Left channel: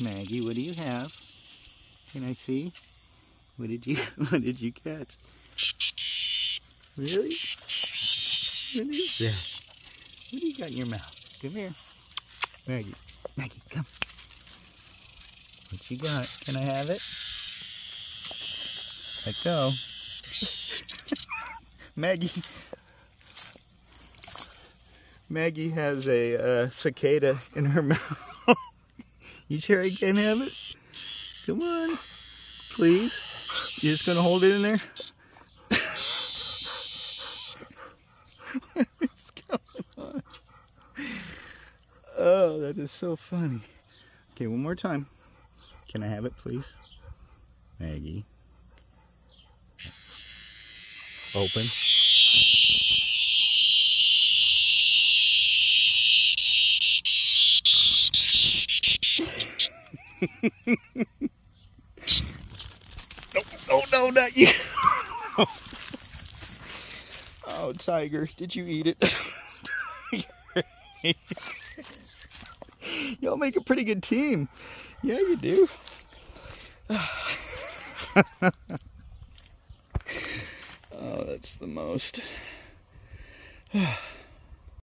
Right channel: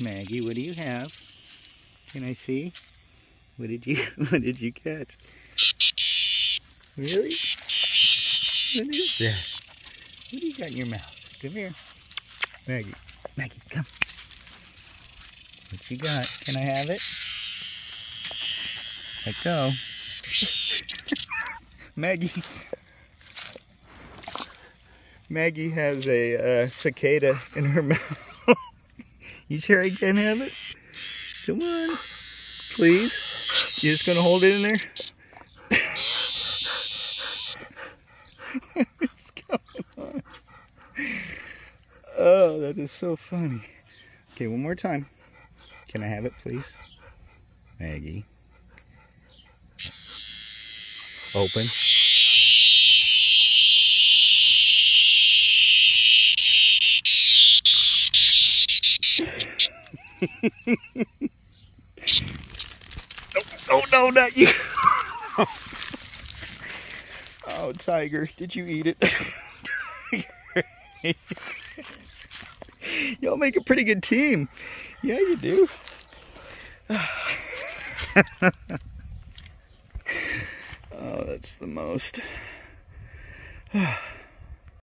Maggie, what do you have? Can I see? What did you catch? Really? What is that? What do you got in your mouth? Come here. Maggie, come. What you got? Can I have it? Let go. Maggie has a cicada in her mouth. You sure I can have it? Come on. Please. You're just going to hold it in there? What's going on? Oh, that is so funny. Okay, one more time. Can I have it, please? Maggie. Open. No, not you. Oh, Tiger, did you eat it? Y'all make a pretty good team. Yeah, you do. Oh, that's the most.